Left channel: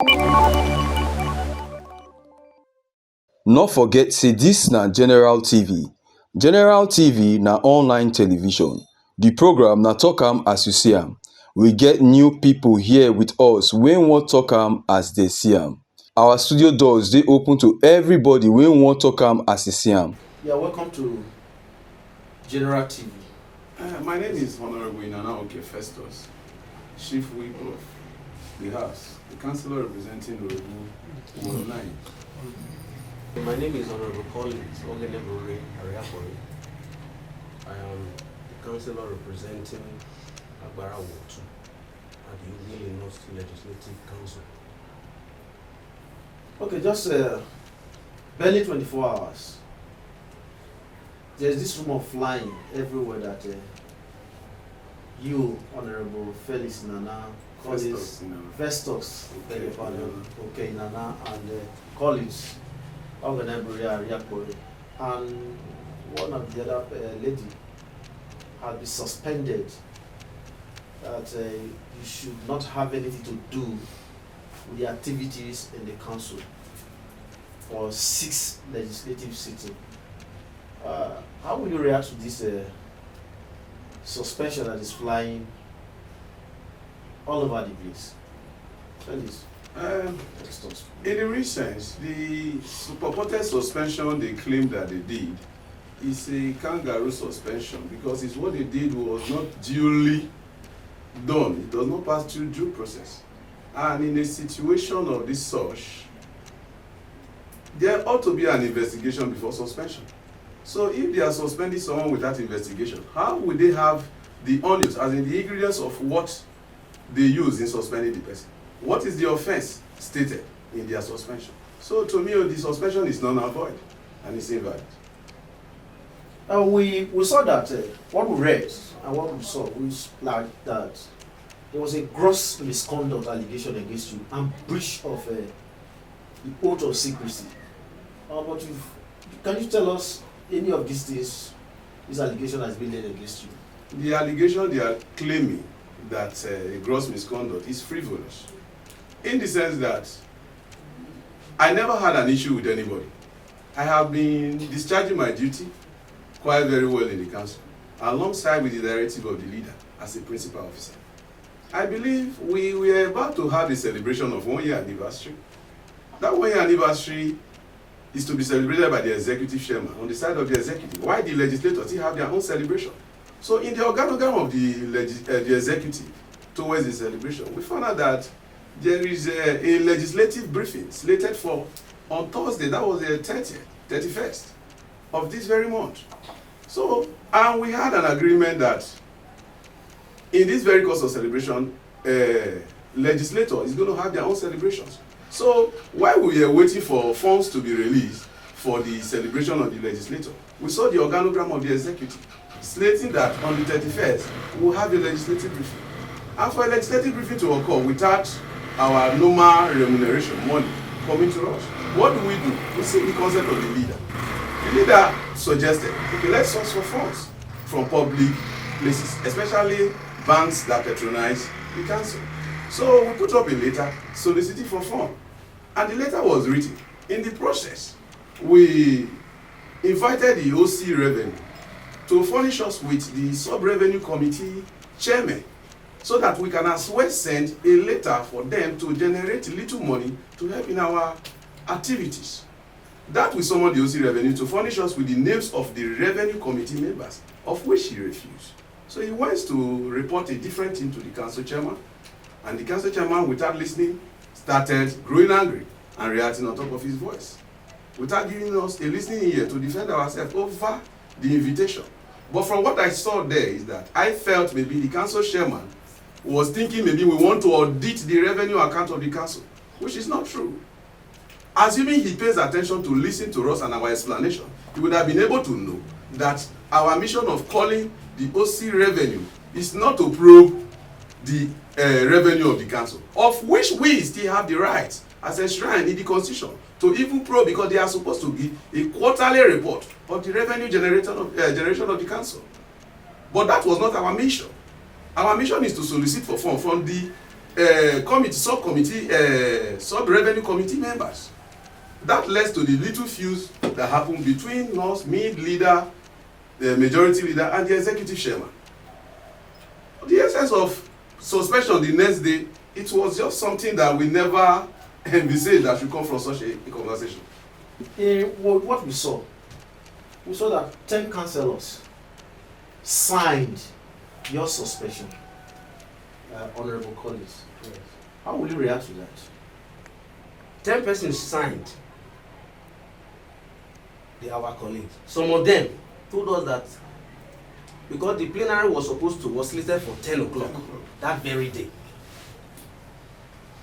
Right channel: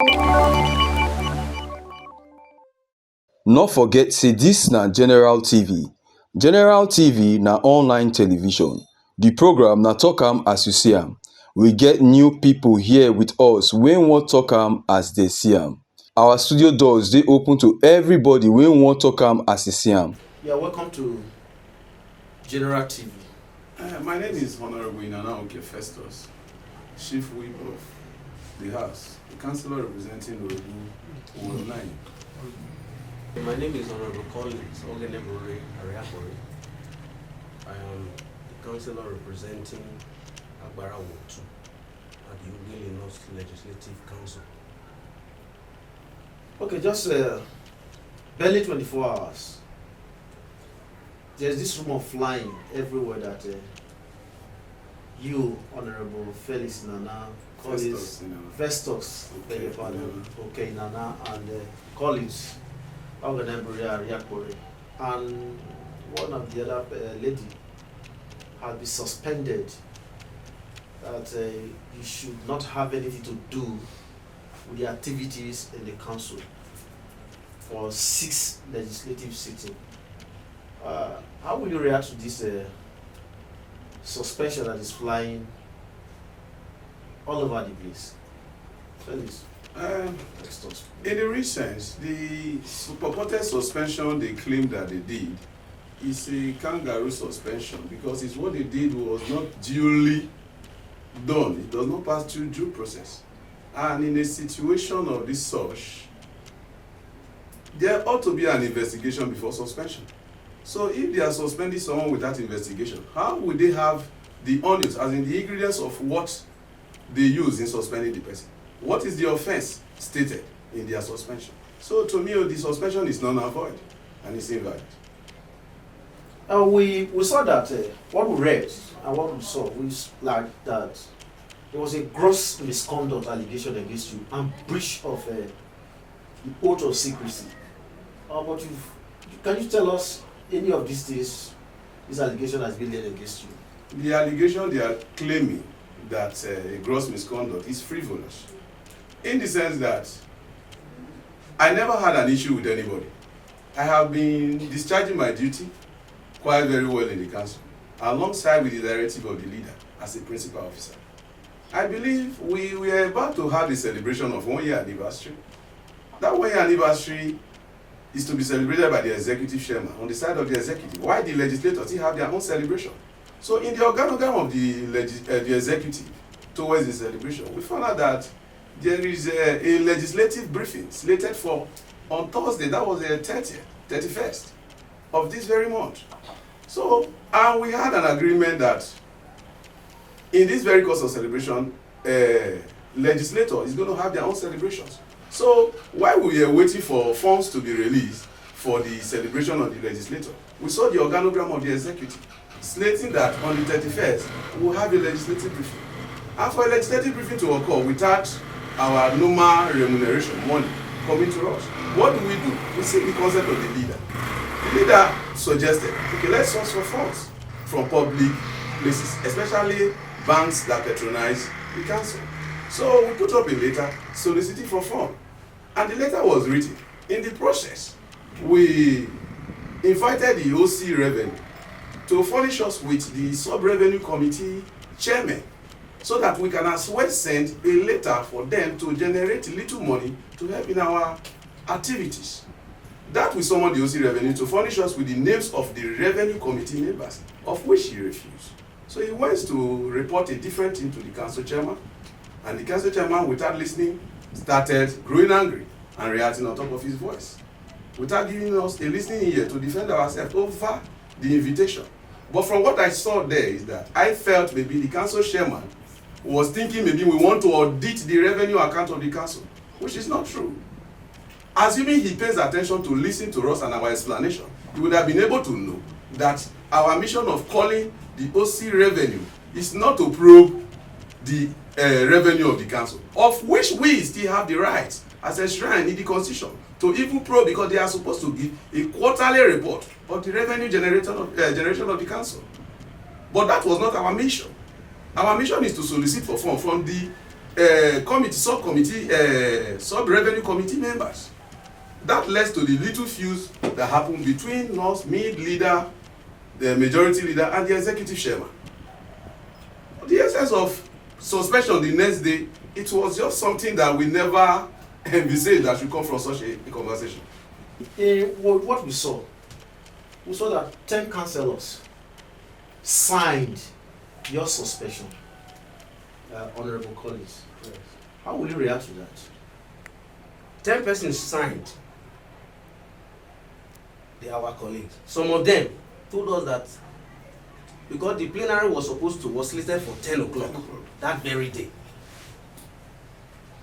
No forget say dis na General TV. General TV na online television. The program na talk am as you see am. We get new people here with us wey wan talk am as they see am. Our studio doors dey open to everybody wey wan talk am as e see am. Yeah, welcome to General TV. My name is Honorable Inana Festus, Chief Whip of the House, the Councillor representing Ughelli 9. My name is Honorable Collins Ughelli. I am the Councillor representing Agbara 2 at the Ughelli North Legislative Council. Okay, just barely 24 hours. There's this rumor flying everywhere that you, Honorable Felix Nana, Collins, Festus, okay, Nana, and Collins, and one of the other lady had been suspended, that you should not have anything to do with the activities in the council for 6 legislative sittings. How will you react to this suspension that is flying all over the place? Felix. In the recent, the purported suspension they claim that they did is a kangaroo suspension because it's what they did was not duly done. It does not pass through due process. And in a situation of this sort, there ought to be an investigation before suspension. So if they are suspending someone without investigation, how would they have the onions, as in the ingredients of what they use in suspending the person? What is the offense stated in their suspension? So to me, the suspension is null and void and it's invalid. We saw that what we read and what we saw was like that there was a gross misconduct allegation against you and breach of the oath of secrecy. But can you tell us any of these things this allegation has been laid against you? The allegation they are claiming that a gross misconduct is frivolous, in the sense that I never had an issue with anybody. I have been discharging my duty quite very well in the council, alongside with the directive of the leader as a principal officer. I believe we were about to have the celebration of 1 year anniversary. That 1 year anniversary is to be celebrated by the executive chairman on the side of the executive, while the legislators still have their own celebration. So in the organogram of the executive towards the celebration, we found out that there is a legislative briefing slated for on Thursday, that was the 31st of this very month. So, and we had an agreement that in this very course of celebration, legislator is going to have their own celebrations. So while we were waiting for funds to be released for the celebration of the legislator, we saw the organogram of the executive slating that on the 31st, we'll have a legislative briefing. And for a legislative briefing to occur without our normal remuneration money coming to us, what do? We seek the consent of the leader. The leader suggested, okay, let's source for funds from public places, especially banks that patronize the council. So we put up a letter soliciting for funds, and the letter was written. In the process, we invited the OC Revenue to furnish us with the Sub-Revenue Committee chairman, so that we can as well send a letter for them to generate little money to help in our activities. That we summoned the OC Revenue to furnish us with the names of the Revenue Committee members, of which he refused. So he went to report a different thing to the council chairman, and the council chairman, without listening, started growing angry and reacting on top of his voice, without giving us a listening ear to defend ourselves over the invitation. But from what I saw there is that I felt maybe the council chairman was thinking maybe we want to audit the revenue account of the council, which is not true. Assuming he pays attention to listen to us and our explanation, he would have been able to know that our mission of calling the OC Revenue is not to probe the revenue of the council, of which we still have the right as enshrined in the constitution to even probe, because they are supposed to give a quarterly report of the revenue generation of the council. But that was not our mission. Our mission is to solicit for funds from the sub-revenue committee members. That led to the little fuse that happened between us, me, leader, the majority leader, and the executive chairman. The essence of suspension the next day, it was just something that we never envisaged that should come from such a conversation. What we saw that 10 councillors signed your suspension, honorable colleagues. Yes. How will you react to that? 10 persons signed. They are our colleagues. Some of them told us that because the plenary was slated for 10 o'clock that very day.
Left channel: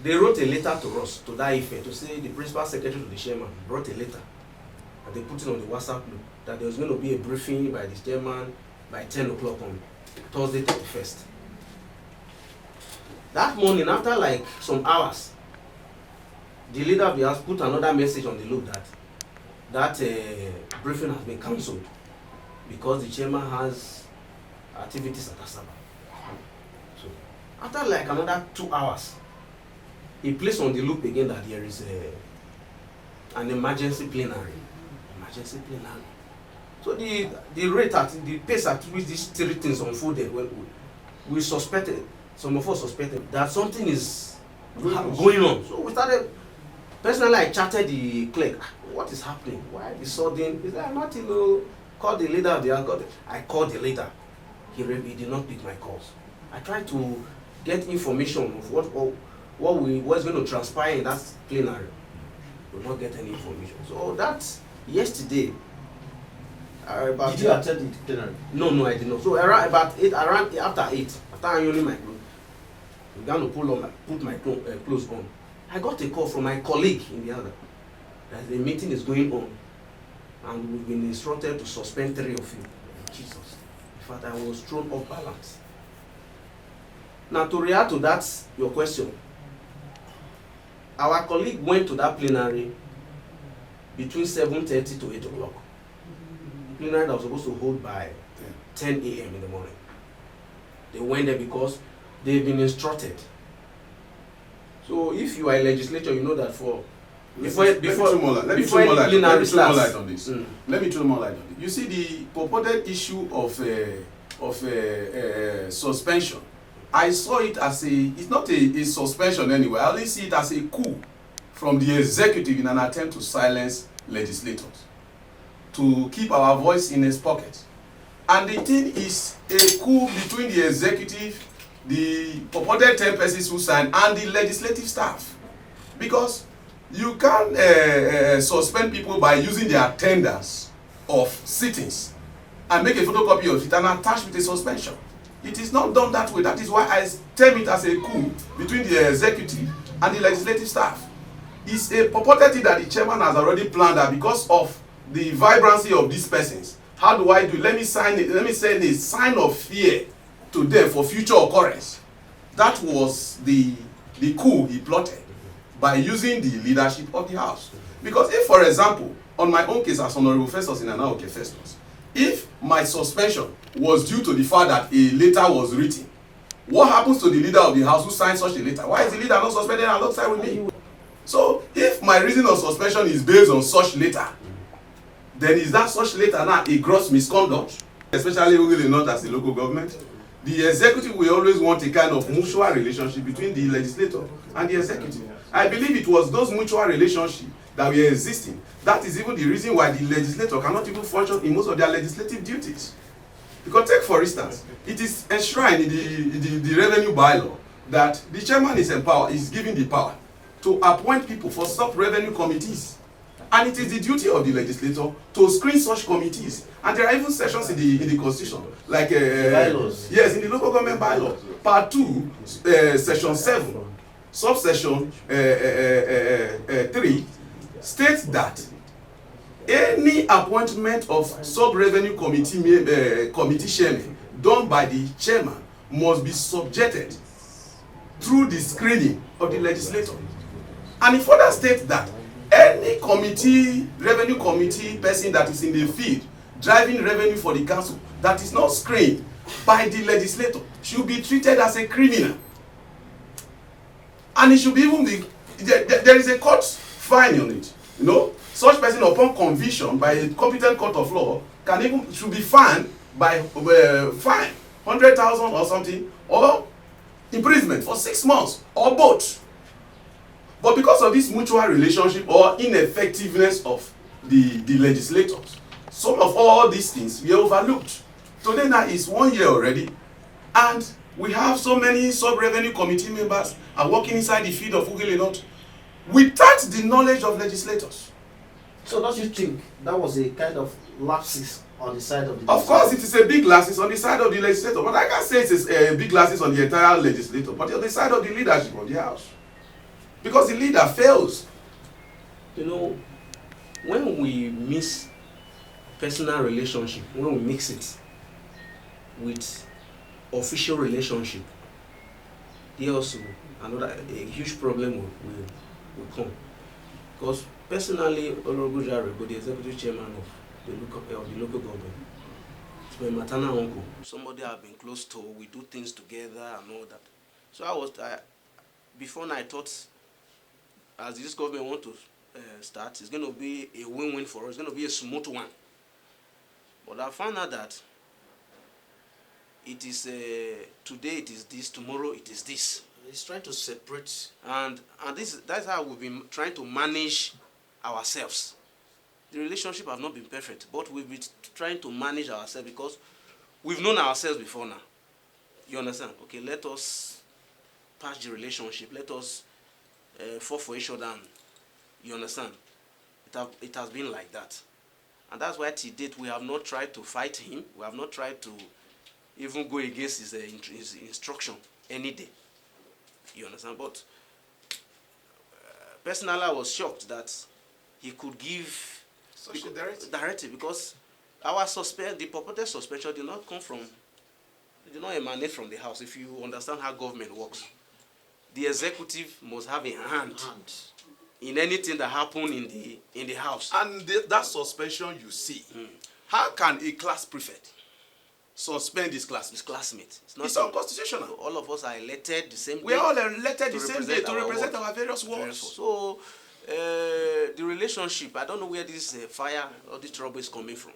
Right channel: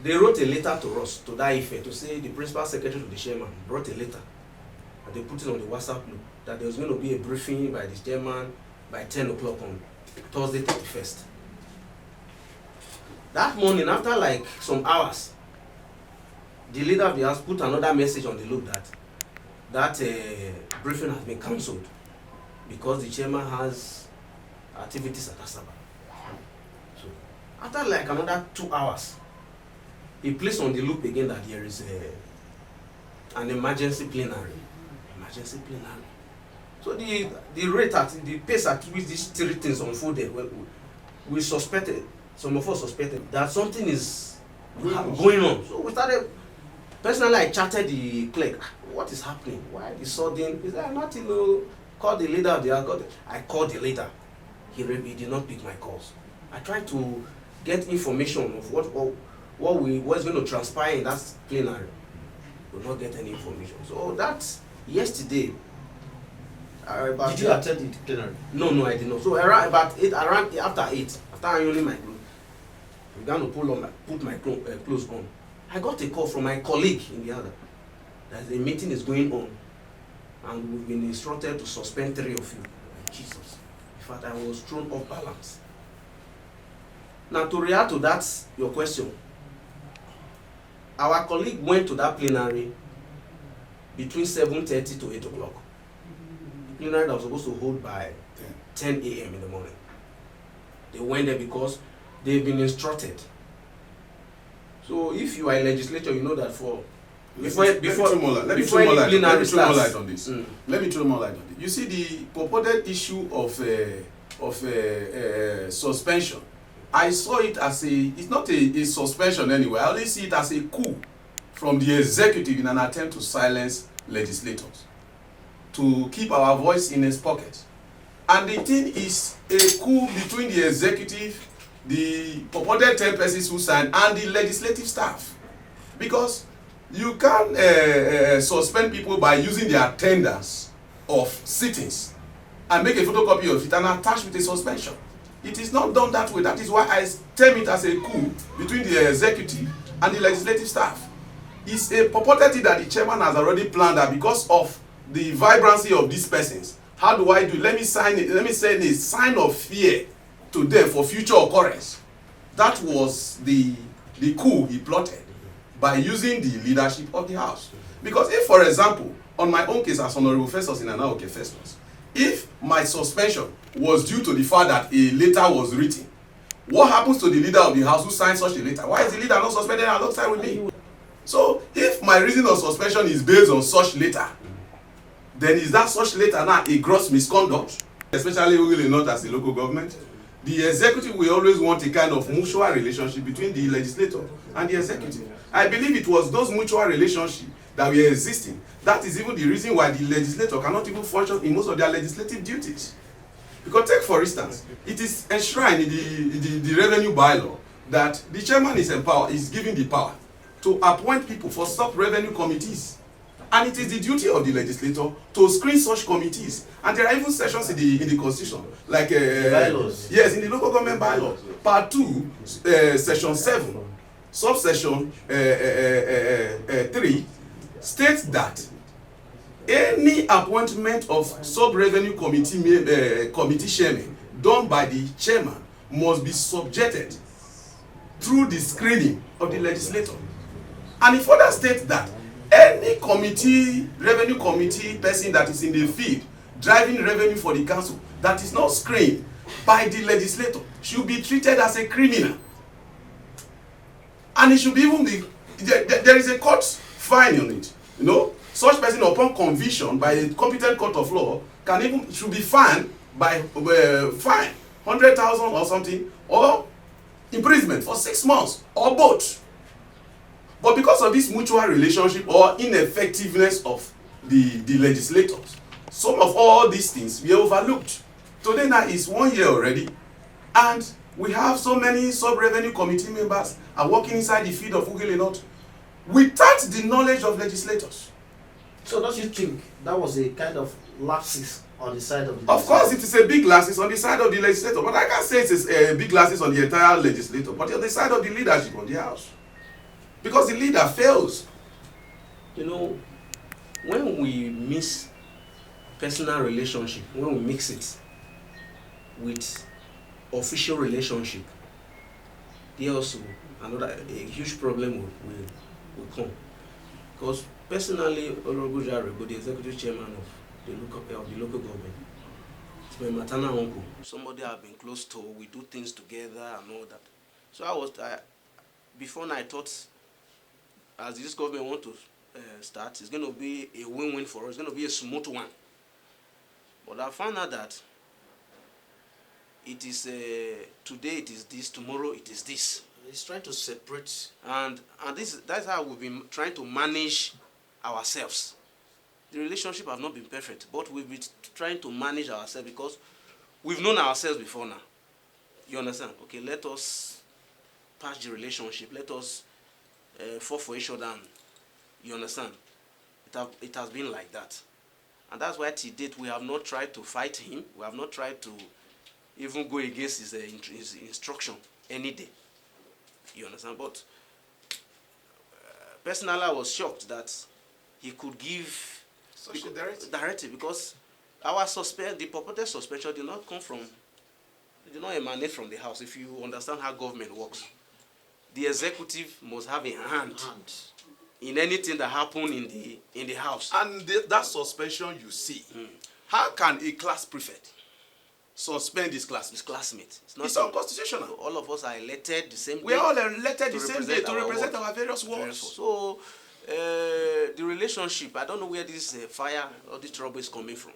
They wrote a letter to us to that effect, to say the principal secretary to the chairman brought a letter and they put it on the WhatsApp group that there was going to be a briefing by the chairman by 10 o'clock on Thursday 31st. That morning, after like some hours, the leader of the house put another message on the loop that briefing has been cancelled because the chairman has activities at Asaba. So after like another 2 hours, he placed on the loop again that there is an emergency plenary. So the rate the pace at which these three things unfolded, we suspected, some of us suspected that something is going on. So we started, personally I chatted the clerk, what is happening? Why the sudden? He said, nothing, call the leader of the house. I called the leader. He did not pick my calls. I tried to get information of what's going to transpire in that plenary. We will not get any information. So that's yesterday. Did you attend the plenary? No, I did not. So around after 8, after ironing my clothes, I began to put my clothes on. I got a call from my colleague in the other that the meeting is going on and we've been instructed to suspend 3 of you. Jesus. In fact, I was thrown off balance. Now, to react to that, your question, our colleague went to that plenary between 7:30 to 8 o'clock. Plenary that was supposed to hold by 10 a.m. in the morning. They went there because they've been instructed. So if you are a legislator, you know that before any plenary starts. Let me throw more light on this. You see, the purported issue of suspension, I saw it as it's not a suspension anyway. I only see it as a coup from the executive in an attempt to silence legislators, to keep our voice in his pocket. And the thing is a coup between the executive, the purported 10 persons who signed, and the legislative staff. Because you can't suspend people by using the attendance of sittings and make a photocopy of it and attach with a suspension. It is not done that way. That is why I term it as a coup between the executive and the legislative staff. It's a purported thing that the chairman has already planned that because of the vibrancy of these persons. How do I do it? Let me send a sign of fear to them for future occurrence. That was the coup he plotted by using the leadership of the house. Because if, for example, on my own case as Honorable Festus in Anaoke Festus, if my suspension was due to the fact that a letter was written, what happens to the leader of the house who signed such a letter? Why is the leader not suspended alongside with me? So if my reason of suspension is based on such letter, then is that such letter now a gross misconduct? Especially really not as a local government. The executive will always want a kind of mutual relationship between the legislator and the executive. I believe it was those mutual relationships that were existing. That is even the reason why the legislator cannot even function in most of their legislative duties. Because take for instance, it is enshrined in the revenue bylaw that the chairman is given the power to appoint people for sub-revenue committees. And it is the duty of the legislator to screen such committees. And there are even sections in the constitution, like yes, in the local government bylaw, part 2, section 7, subsection 3, states that any appointment of sub-revenue committee chairman done by the chairman must be subjected through the screening of the legislator. And it further states that any revenue committee person that is in the field driving revenue for the council that is not screened by the legislator should be treated as a criminal. And it should even be, there is a court fine on it. You know, such person upon conviction by a competent court of law should be fined by fine 100,000 or something, or imprisonment for 6 months, or both. But because of this mutual relationship or ineffectiveness of the legislators, some of all these things we overlooked. Today now is 1 year already, and we have so many sub-revenue committee members are working inside the field of Ughelli North without the knowledge of legislators. So don't you think that was a kind of lapses on the side of the Of course, it is a big lapses on the side of the legislator, but I can't say it is a big lapses on the entire legislator, but on the side of the leadership of the house. Because the leader fails. You know, when we mix personal relationship, when we mix it with official relationship, there also a huge problem will come. Because personally, Honorable Jaro, the executive chairman of the local government, it's my maternal uncle, somebody I've been close to. We do things together and all that. So before now I thought, as this government want to start, it's going to be a win-win for us. It's going to be a smooth one. But I found out that it is today it is this, tomorrow it is this. He's trying to separate. And that's how we've been trying to manage ourselves. The relationship has not been perfect, but we've been trying to manage ourselves because we've known ourselves before now. You understand? Okay, let us patch the relationship. Let us fall for each other. You understand? It has been like that. And that's why to date we have not tried to fight him. We have not tried to even go against his instruction any day. You understand? But personally, I was shocked that he could give Such a directive because the purported suspension did not emanate from the house. If you understand how government works, the executive must have a hand in anything that happen in the house. And that suspension you see, how can a class prefect suspend his classmate? His classmate. It's unconstitutional. All of us are elected the same day. We are all elected the same day to represent our various wards. So the relationship, I don't know where this fire or this trouble is coming from,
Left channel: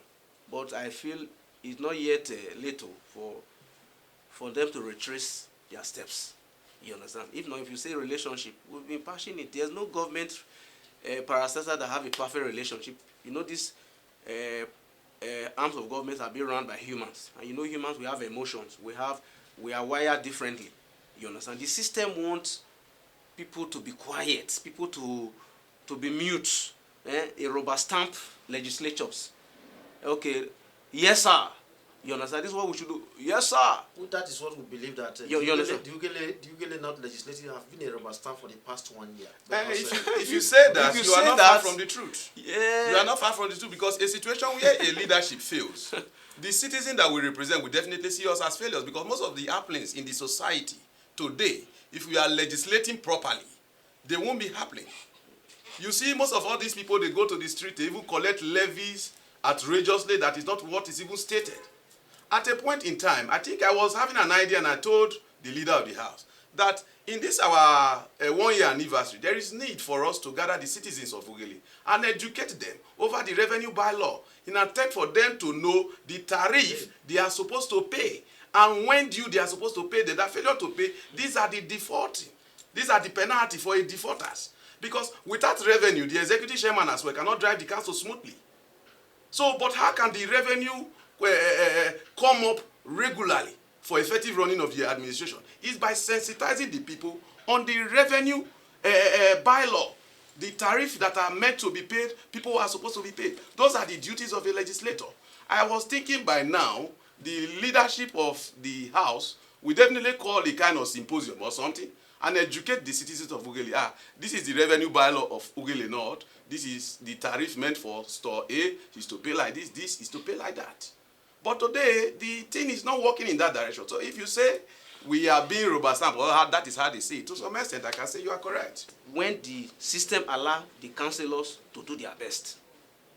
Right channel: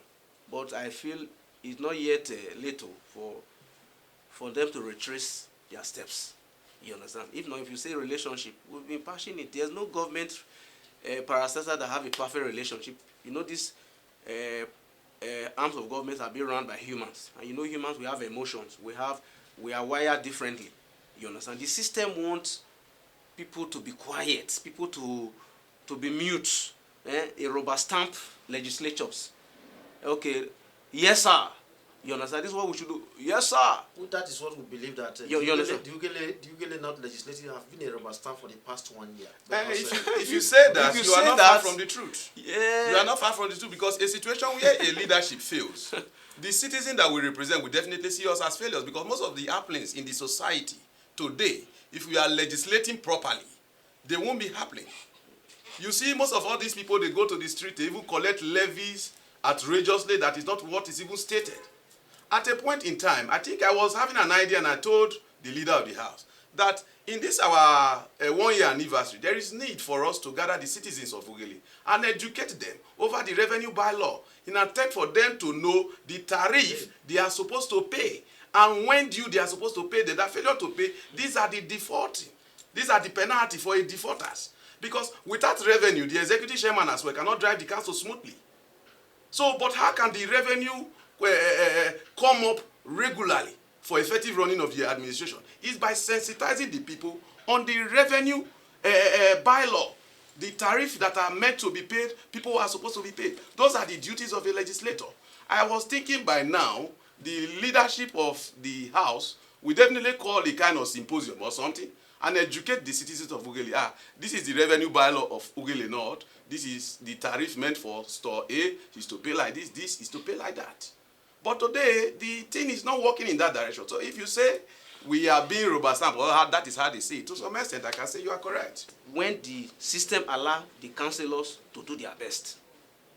but I feel it's not yet late for them to retrace their steps. You understand? If not, if you say relationship, we've been passionate. There's no government parastatal that have a perfect relationship. You know, these arms of government are being run by humans, and you know, humans, we have emotions. We are wired differently. You understand? The system wants people to be quiet, people to be mute. A rubber stamp legislatures. Okay, yes sir. You understand? This is what we should do. Yes, sir. Well, that is what we believe that the Ughelli North legislature have been a rubber stamp for the past 1 year. If you say that, you are not far from the truth. Yeah. You are not far from the truth, because a situation where a leadership fails, the citizens that we represent will definitely see us as failures, because most of the happenings in the society today, if we are legislating properly, they won't be happening. You see, most of all these people, they go to the street, they even collect levies outrageously that is not what is even stated. At a point in time, I think I was having an idea, and I told the leader of the house that in this our 1 year anniversary, there is need for us to gather the citizens of Ughelli and educate them over the revenue bylaw in an attempt for them to know the tariff they are supposed to pay, and when due they are supposed to pay, that failure to pay, these are the defaulting. These are the penalty for a defaulters. Because without revenue, the executive chairman as well cannot drive the council smoothly. So, but how can the revenue come up regularly for effective running of the administration? Is by sensitizing the people on the revenue bylaw, the tariff that are meant to be paid, people who are supposed to be paid. Those are the duties of a legislator. I was thinking by now, the leadership of the house will definitely call a kind of symposium or something and educate the citizens of Ughelli. This is the revenue bylaw of Ughelli North. This is the tariff meant for store A. Is to pay like this. This is to pay like that. But today, the thing is not working in that direction. So if you say we are being rubber stamped, well, that is how they say it. To some extent, I can say you are correct. When the system allows the councillors to do their best,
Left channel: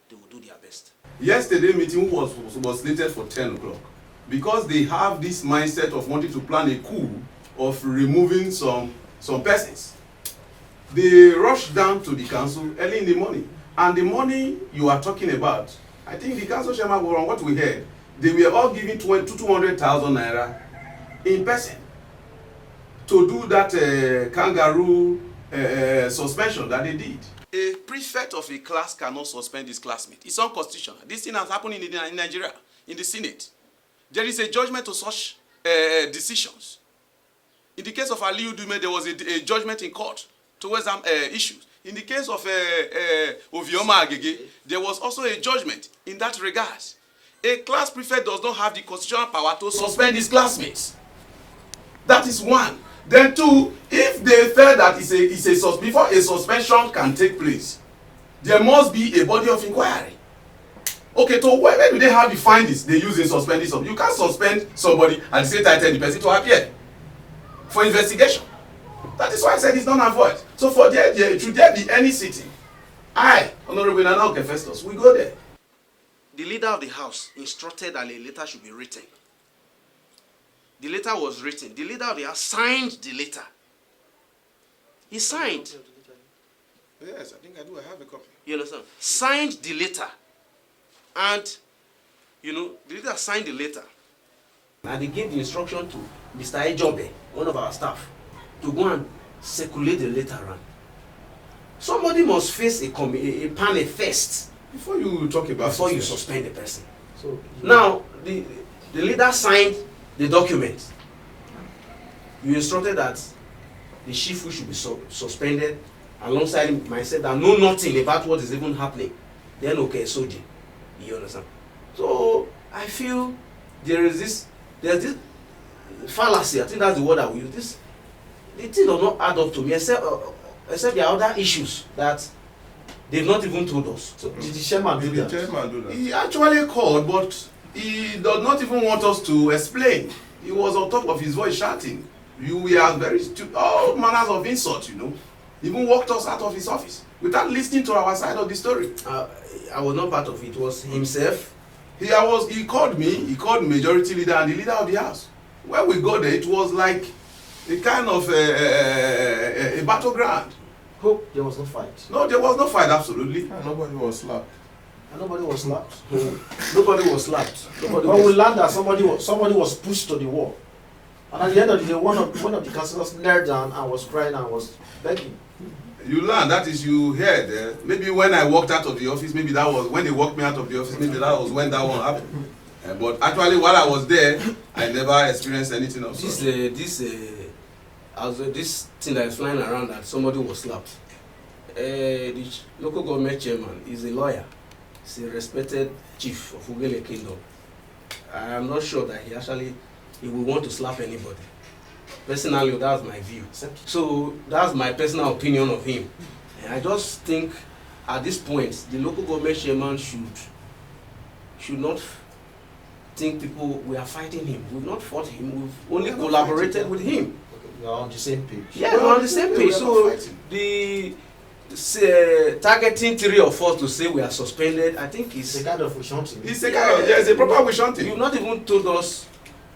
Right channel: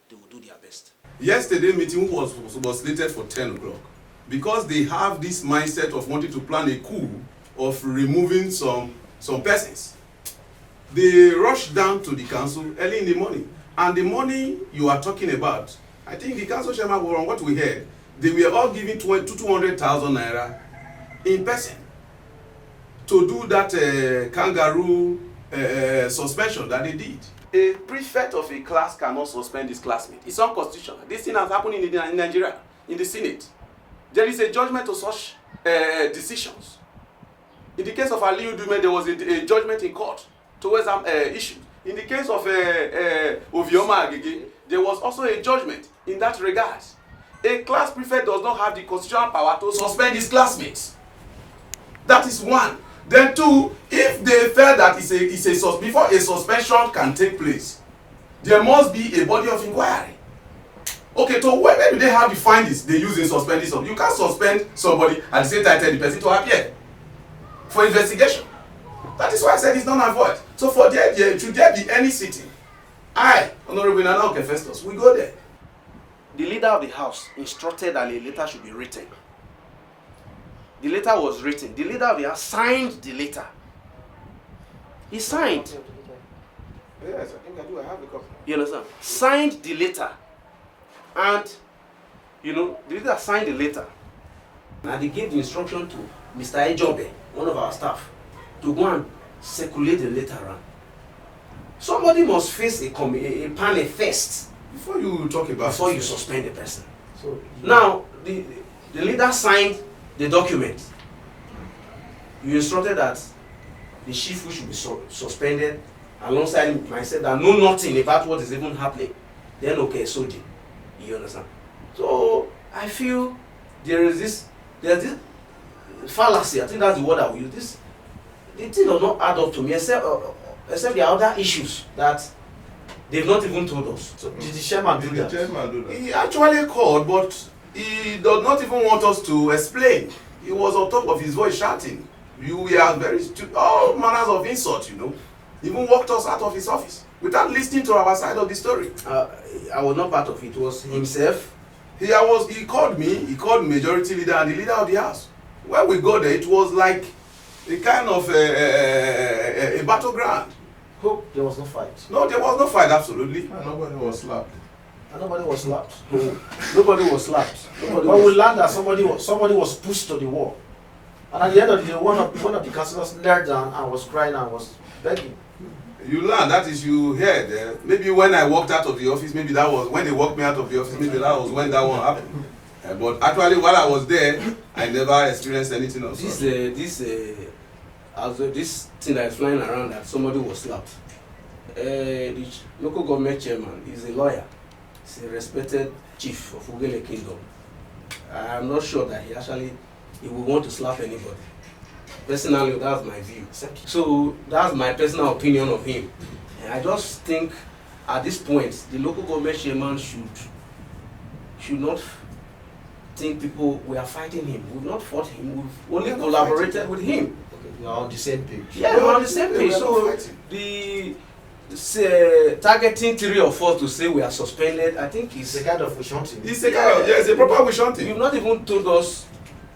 they will do their best. Yesterday meeting was slated for 10 o'clock. Because they have this mindset of wanting to plan a coup of removing some persons. They rushed down to the council early in the morning. And the money you are talking about, I think the council chairman, on what we heard, they were all giving 200,000 naira in person to do that kangaroo suspension that they did. A prefect of a class cannot suspend his classmate. It's unconstitutional. This thing has happened in Nigeria, in the Senate. There is a judgment to such decisions. In the case of Aliyu Dume, there was a judgment in court towards some issues. In the case of Ovioma Agege, there was also a judgment in that regard. A class prefect does not have the constitutional power to suspend his classmates. That is one. Then two, if they felt that before a suspension can take place, there must be a body of inquiry. Okay, so where do they have the findings they use in suspending somebody? You can't suspend somebody at the same time tell the person to appear for investigation. That is why I said it's not avoid. So for should there be any sitting, I, Honorable Nana Okefestus, we go there. The leader of the house instructed that a letter should be written. The letter was written. The leader of the house signed the letter. He signed. Yes, I think I do. I have the copy. You understand? Signed the letter. And, you know, the leader signed the letter. And they gave the instruction to Mr. Ejobe, one of our staff, to go and circulate the letter around. Somebody must face a panel first Before you talk about before you suspend the person. So Now, the leader signed the document. You instructed that the chief should be suspended alongside myself that know nothing about what is even happening. Then okay, so you understand? So I feel there's this fallacy. I think that's the word I will use. The thing does not add up to me, except there are other issues that they've not even told us. So did the chairman do that? The chairman do that? He actually called, but he does not even want us to explain. He was on top of his voice shouting. We are very all manners of insult, you know. Even walked us out of his office without listening to our side of the story. I was not part of it. It was himself. He called me. He called majority leader and the leader of the house. When we got there, it was like a kind of a battleground. Hope there was no fight. No, there was no fight. Absolutely. And nobody was slapped. And nobody was slapped. Nobody was slapped. But we learned that somebody was pushed to the wall. And at the end of the day, one of the councillors knelt down and was crying and was begging. You learn, that is, you heard. Maybe when I walked out of the office, maybe that was when they walked me out of the office, maybe that was when that one happened. But actually, while I was there, I never experienced anything else. This thing that is flying around that somebody was slapped. The local government chairman is a lawyer. He's a respected chief of Ughelli Kingdom. I am not sure that he will want to slap anybody. Personally, that's my view. So that's my personal opinion of him. And I just think at this point, the local government chairman should not think we are fighting him. We've not fought him. We've only collaborated with him. We are on the same page. Yeah, we're on the same page. So the targeting 3 or 4 to say we are suspended, I think It's a kind of wish hunting. It's a kind of, it's a proper wish hunting. You've not even told us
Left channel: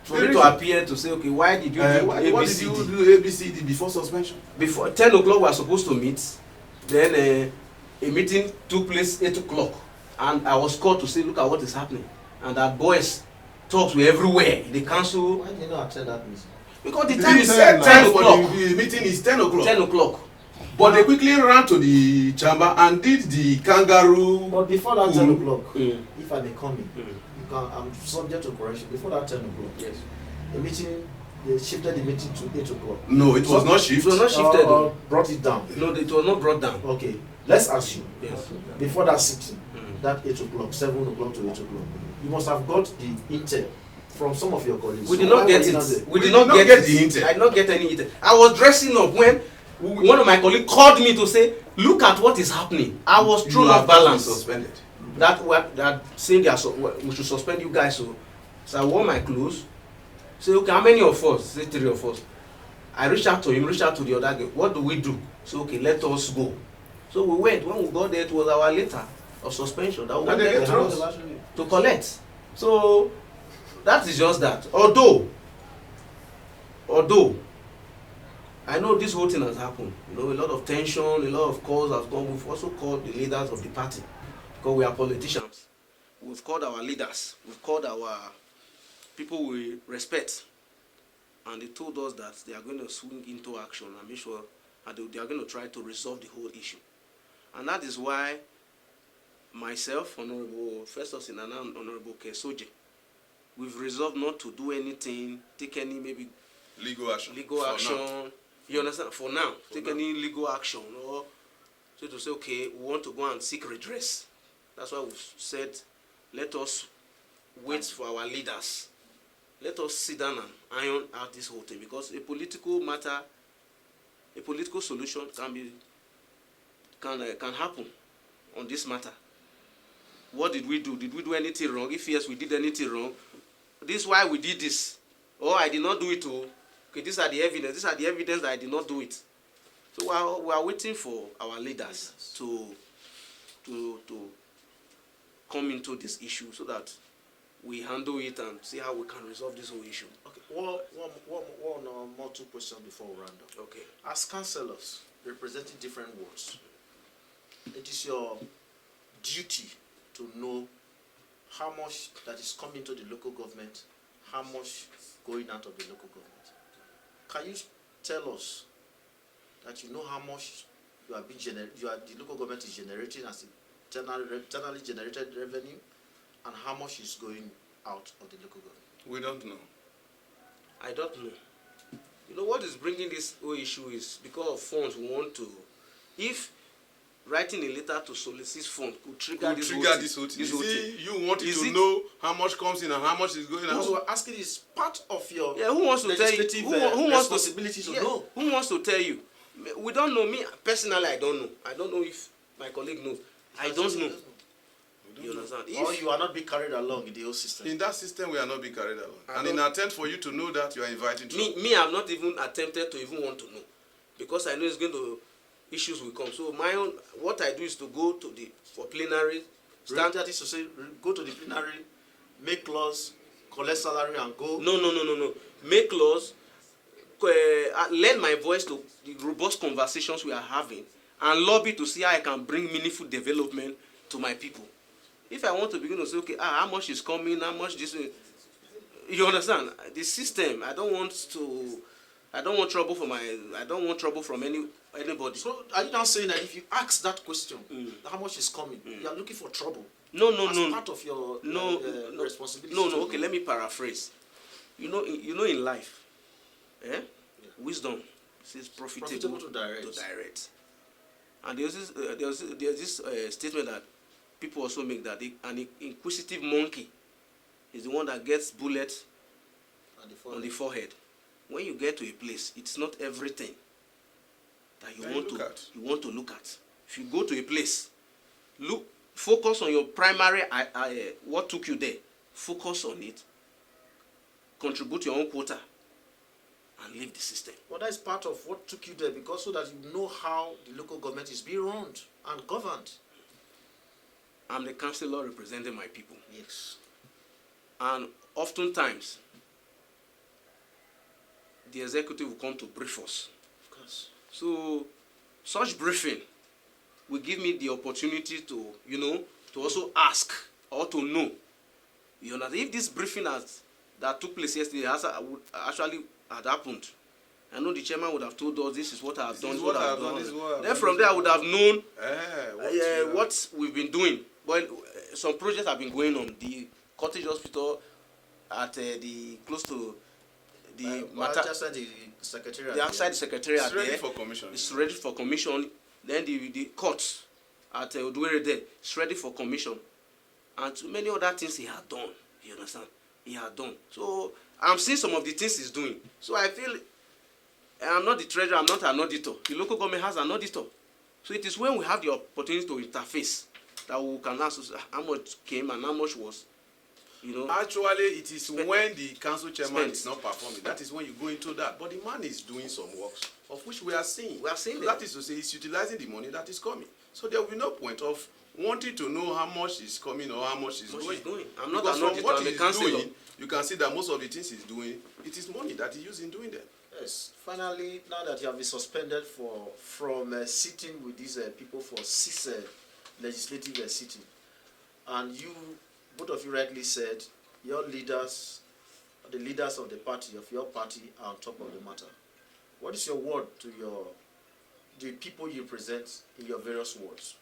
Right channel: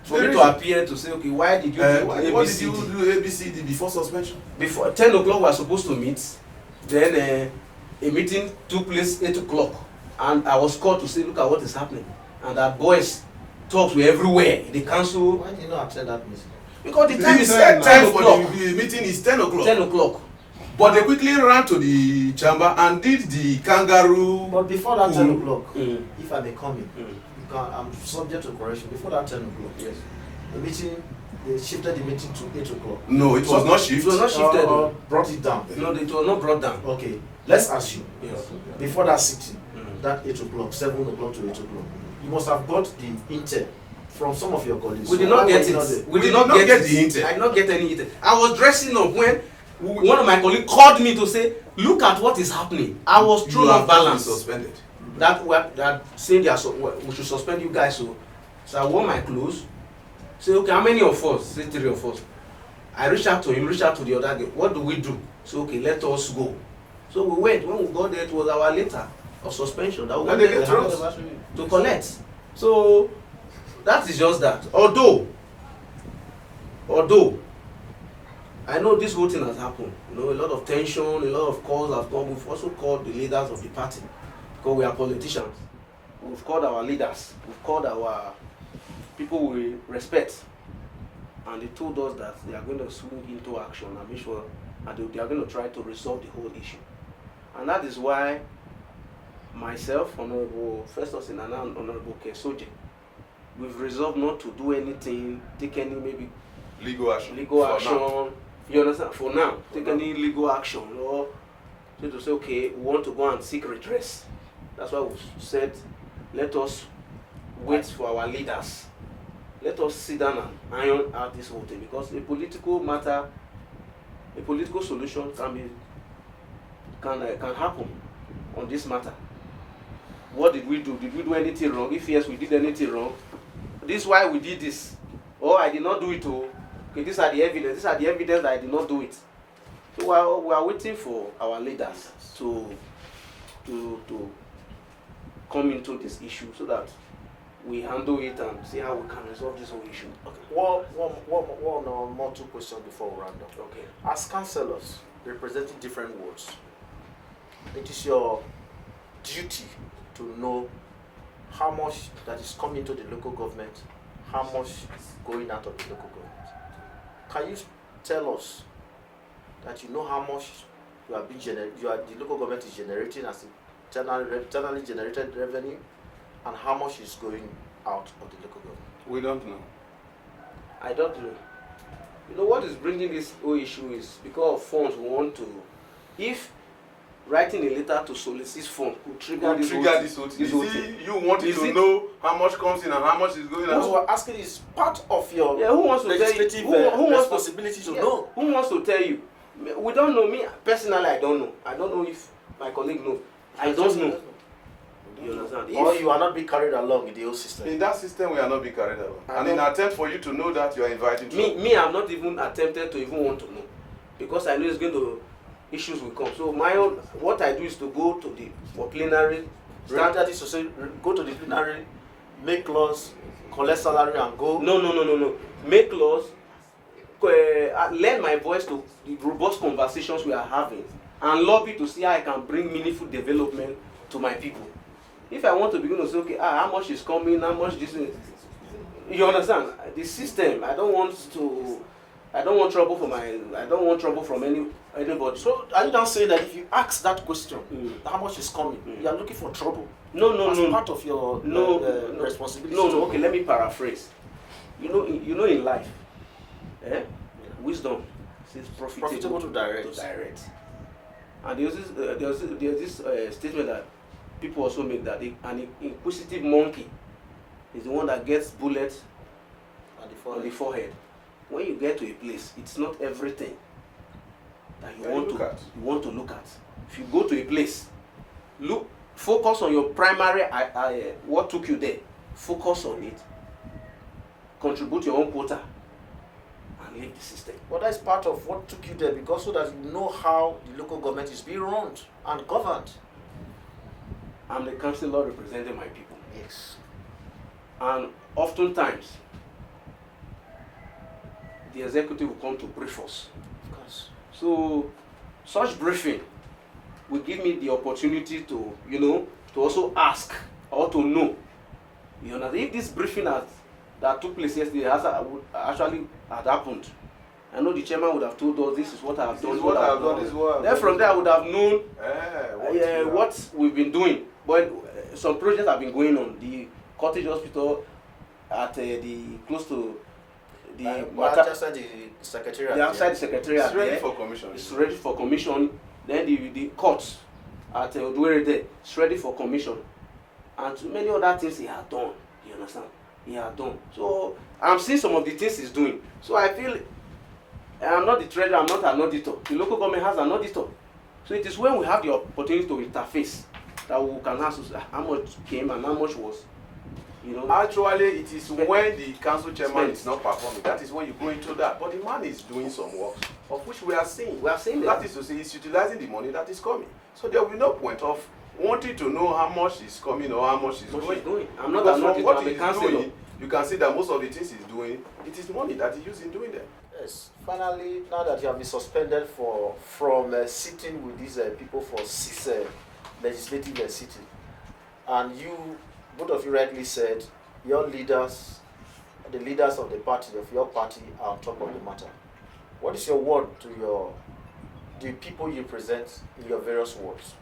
for me to appear to say, okay, why did you do what did you ABCD? do ABCD before suspension? Before 10 o'clock we were supposed to meet, then a meeting took place 8 o'clock, and I was called to say, look at what is happening, and our boys talks were everywhere in the council. Why did you not attend that meeting? Because the time He is said 10 o'clock. The meeting is 10 o'clock. 10 o'clock. But they quickly ran to the chamber and did the kangaroo. But before that 10 o'clock, Mm. if I may come in, I'm subject to correction. Before that 10 o'clock, Yes. the meeting, they shifted the meeting to 8 o'clock. No, it was not It shift. was not shifted. Brought it down. No, it was not brought down. Okay, let's assume. Yes. Before that sitting, Mm. that 8 o'clock, 7 o'clock to 8 o'clock, you must have got the intel from some of your colleagues. We did So not why get were you it. not there? We did not get the it. intel. I did not get any intel. I was dressing up when one of my colleagues called me to say, look at what is happening. I was thrown You off have been balance. suspended. That saying we should suspend you guys. So I wore my clothes. Say, okay, how many of us? Say 3 of us. I reached out to him, reached out to the other guy. What do we do? So okay, let us go. So we went. When we got there, it was our letter of suspension that we And went they there get thrown. to collect. So that is just that. Although I know this whole thing has happened. You know, a lot of tension, a lot of calls have come. We've also called the leaders of the party because we are politicians. We've called our leaders. We've called our people we respect, and they told us that they are going to swing into action and make sure that they are going to try to resolve the whole issue. And that is why myself, Honorable Festus and Honorable Kesoje, we've resolved not to do anything, take any maybe Legal action. Now. You understand? For now, take any legal action or to say, okay, we want to go and seek redress. That's why we've said, let us wait for our leaders. Let us sit down and iron out this whole thing, because a political matter, a political solution can happen on this matter. What did we do? Did we do anything wrong? If yes, we did anything wrong. This is why we did this. Or I did not do it. Okay, these are the evidence. These are the evidence that I did not do it. So we are waiting for our leaders to come into this issue so that we handle it and see how we can resolve this whole issue. Okay. One or more two questions before we round up. Okay. As councillors representing different wards, it is your duty to know how much that is coming to the local government, how much is going out of the local government. Can you tell us that you know how much the local government is generating as internally generated revenue, and how much is going out of the local government? We don't know. I don't know. You know what is bringing this whole issue is because of funds we want to. If writing a letter to solicit funds could trigger this whole thing. You wanted to know how much comes in and how much is going out. What we're asking is part of your who wants to tell you? Who wants responsibility to know? Who wants to tell you? We don't know. Me personally, I don't know. I don't know if my colleague knows. I don't know. You understand? Or you are not being carried along in the whole system. In that system, we are not being carried along. And in an attempt for you to know that, you are inviting to me, I'm not even attempted to even want to know, because I know it's going to issues will come. So what I do is to go to for plenary. Standard is to say, go to the plenary, make laws, collect salary, and go. No. Make laws. Lend my voice to the robust conversations we are having, and lobby to see how I can bring meaningful development to my people. If I want to begin to say, okay, how much is coming, how much this, you understand? The system. I don't want trouble from anybody. So are you now saying that if you ask that question, how much is coming, you are looking for trouble? No. Part of your responsibility. No. Okay, let me paraphrase. You know in life, wisdom is profitable to direct. And there's this statement that people also make, that an inquisitive monkey is the one that gets bullets on the forehead. When you get to a place, it's not everything that you want to look at. If you go to a place, focus on your primary what took you there. Focus on it. Contribute your own quota and leave the system. Well, that's part of what took you there, because so that you know how the local government is being run and governed. I'm the councillor representing my people. Yes. And oftentimes, the executive will come to brief us. Of course. So, such briefing will give me the opportunity to also ask or to know. You know, if this briefing that took place yesterday actually had happened, I know the chairman would have told us, this is what I have done. This is what I have done. Then from there, I would have known what we've been doing. But some projects have been going on. The cottage hospital at close to outside the secretariat. Outside the secretariat. It's ready for commission. It's ready for commission. Then the court at Ughelli there, it's ready for commission. And many other things he had done. You understand? He had done. So I'm seeing some of the things he's doing. So I feel I'm not the treasurer, I'm not an auditor. The local government has an auditor. So it is when we have the opportunity to interface that we can ask how much came and how much was. Actually, it is when the council chairman is not performing, that is when you go into that. But the man is doing some work, of which we are seeing. That is to say, he's utilizing the money that is coming. So there will be no point of wanting to know how much is coming or how much is going. I'm not because from what the he's councillor. doing, you can see that most of the things he's doing, it is money that he used in doing them. Yes. Finally, now that you have been suspended from sitting with these people for 6 legislative sitting, and you, both of you rightly said, your leaders, the leaders of the party, of your party, are on top of the matter. What is your word to the people you represent in your various wards?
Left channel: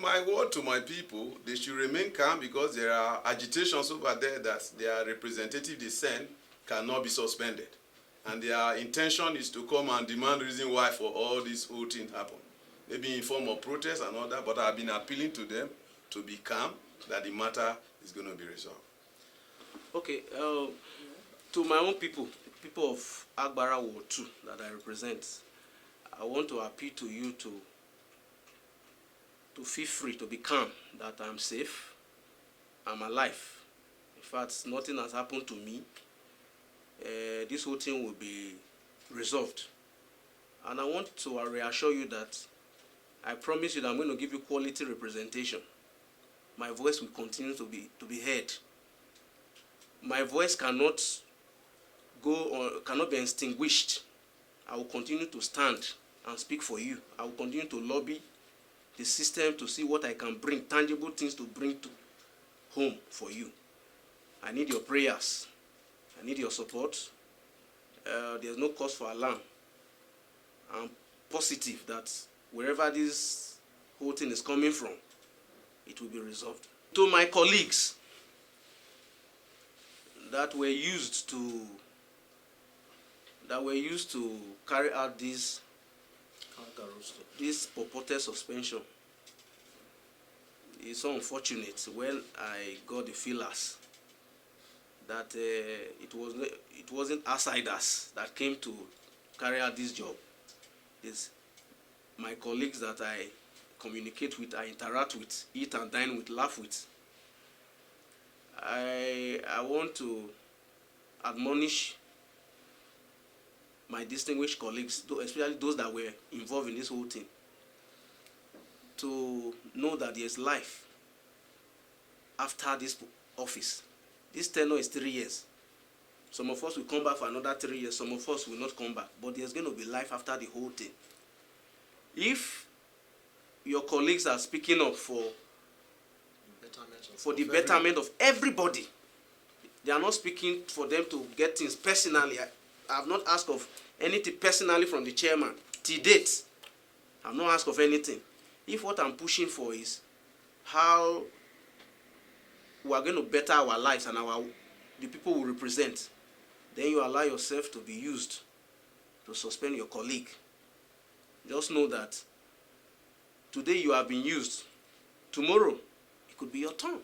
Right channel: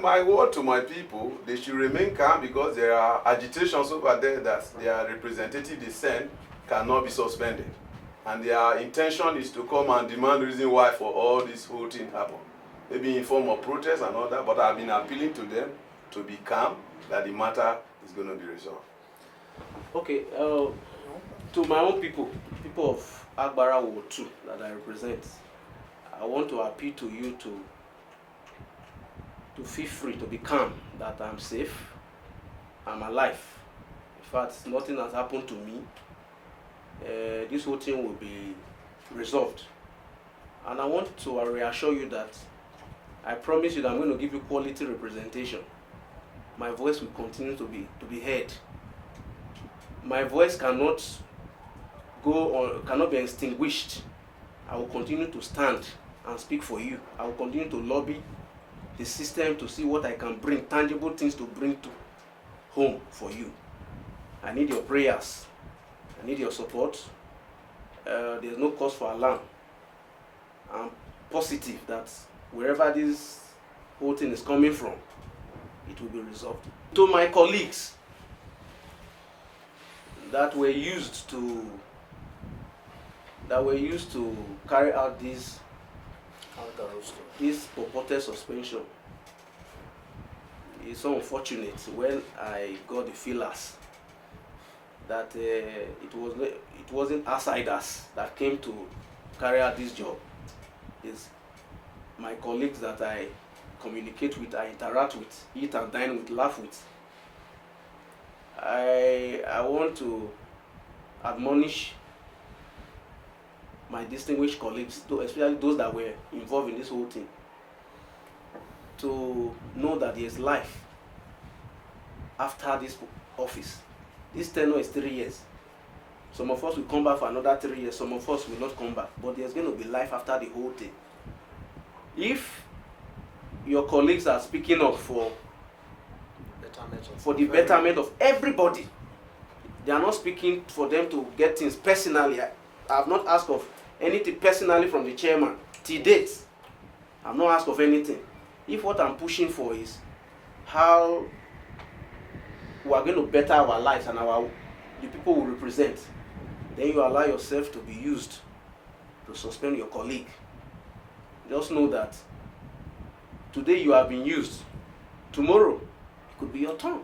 My word to my people, they should remain calm because there are agitations over there that their representative they send cannot be suspended. And their intention is to come and demand reason why for all this whole thing happen. Maybe in form of protest and all that, but I've been appealing to them to be calm, that the matter is going to be resolved. Okay, to my own people of Agbara Ward 2 that I represent, I want to appeal to you to feel free, to be calm, that I'm safe, I'm alive. In fact, nothing has happened to me. This whole thing will be resolved. And I want to reassure you that I promise you that I'm going to give you quality representation. My voice will continue to be heard. My voice cannot be extinguished. I will continue to stand and speak for you. I will continue to lobby the system to see what I can bring, tangible things to bring to home for you. I need your prayers. I need your support. There's no cause for alarm. I'm positive that wherever this whole thing is coming from, it will be resolved. To my colleagues that were used to carry out this purported suspension, it's so unfortunate when I got the feelers that it wasn't outsiders that came to carry out this job. It's my colleagues that I communicate with, I interact with, eat and dine with, laugh with. I want to admonish my distinguished colleagues, especially those that were involved in this whole thing, to know that there is life after this office. This tenure is 3 years. Some of us will come back for another 3 years, some of us will not come back, but there's going to be life after the whole thing. If your colleagues are speaking up for the betterment of everybody, they are not speaking for them to get things personally. I have not asked of anything personally from the chairman. Till date, I have not asked of anything. If what I'm pushing for is how we are going to better our lives and the people we represent, then you allow yourself to be used to suspend your colleague. Just know that today you have been used. Tomorrow, it could be your turn.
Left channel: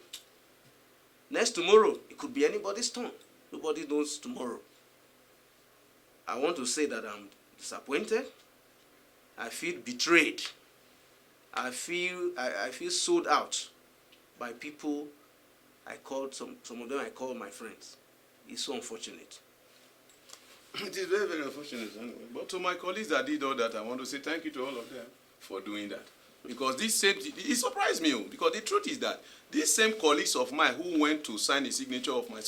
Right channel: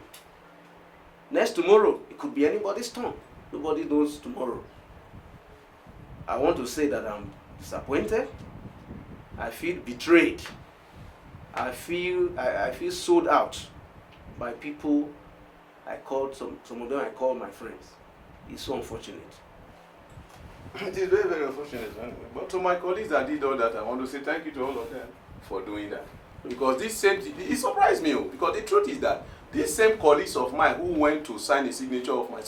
Next tomorrow, it could be anybody's turn. Nobody knows tomorrow. I want to say that I'm disappointed. I feel betrayed. I feel sold out by people. I called some of them. I called my friends. It's so unfortunate. It is very, very unfortunate. But to my colleagues that did all that, I want to say thank you to all of them for doing that. Because it surprised me, because the truth is that these same colleagues of mine who went to sign a signature of my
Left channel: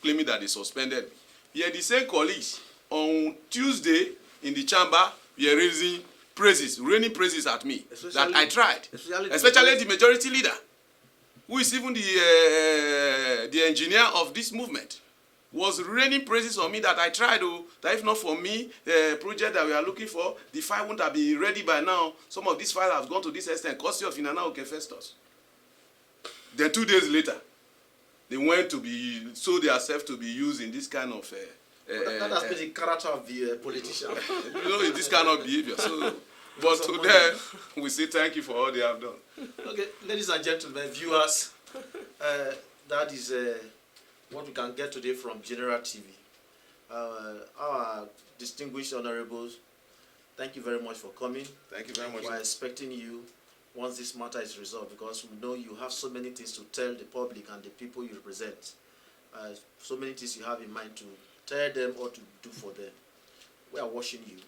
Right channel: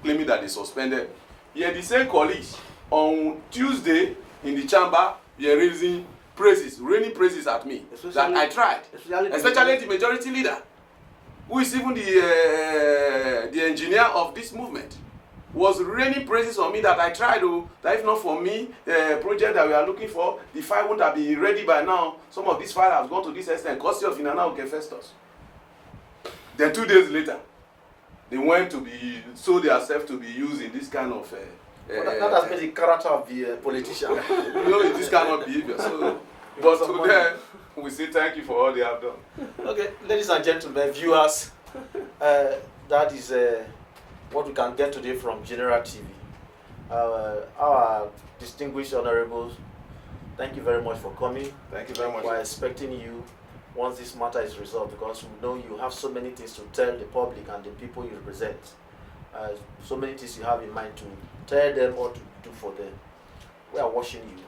claiming that they suspended, yeah, the same colleagues on Tuesday in the chamber were raining praises at me, that I tried, especially the majority leader, who is even the engineer of this movement, was raining praises on me that I tried, that if not for me, the project that we are looking for, the file wouldn't have been ready by now. Some of these files have gone to this extent, courtesy of Inanna Okefestus. Then 2 days later, they went to sold themselves to be used in this kind of that has been the character of the politician. In this kind of behavior. So, but to them, we say thank you for all they have done. Okay, ladies and gentlemen, viewers, that is what we can get today from General TV. Our distinguished honorables, thank you very much for coming. Thank you very much. We're expecting you once this matter is resolved, because we know you have so many things to tell the public and the people you represent. So many things you have in mind to tell them or to do for them. We are watching you.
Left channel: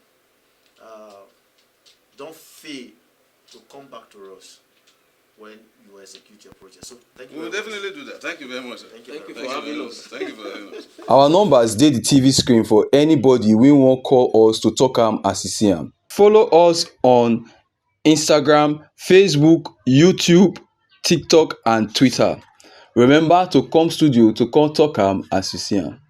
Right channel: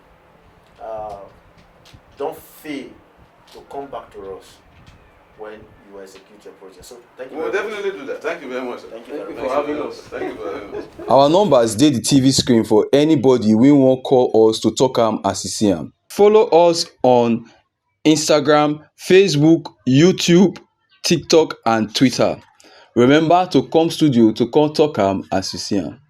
Don't fail to come back to us. when you execute your project. So thank you. We'll very much. definitely do that. Thank you very much. Thank you Thank very you much. for having us. Thank you for having us. Our numbers dey the TV screen for anybody wey wan call us to talk am as e see am. Follow us on Instagram, Facebook, YouTube, TikTok and Twitter. Remember to come studio to come talk am as you see am.